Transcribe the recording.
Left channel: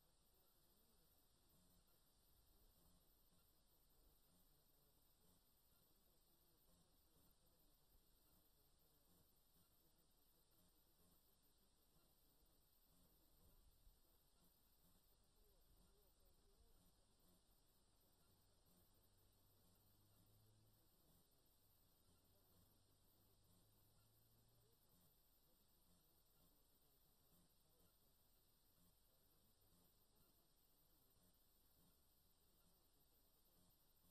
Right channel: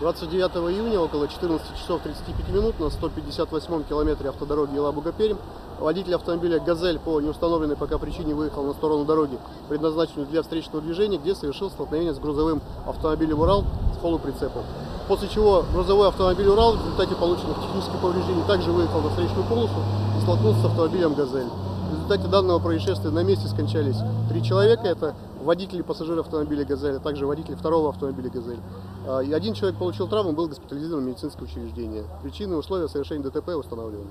29 июня около 14 часов 35 минут на 158-м километре автодороги Елабуга-Пермь водитель автомобиля ГАЗель по неустановленной пока причине выехал на сторону дороги, предназначенную для встречного движения, где совершил столкновение с грузовым автомобилем УРАЛ с полуприцепом. После чего грузовой автомобиль УРАЛ в результате полученных технических повреждений также выехал на встречную полосу и столкнулся с автомобилем ГАЗель. В результате данного происшествия на месте скончались 3 человека. Это водитель и пассажир автомобиля ГАЗель, а также водитель второго автомобиля ГАЗель. И 1 человек получил травму, был госпитализирован в медицинское учреждение. Причины и условия совершения ДТП установлены.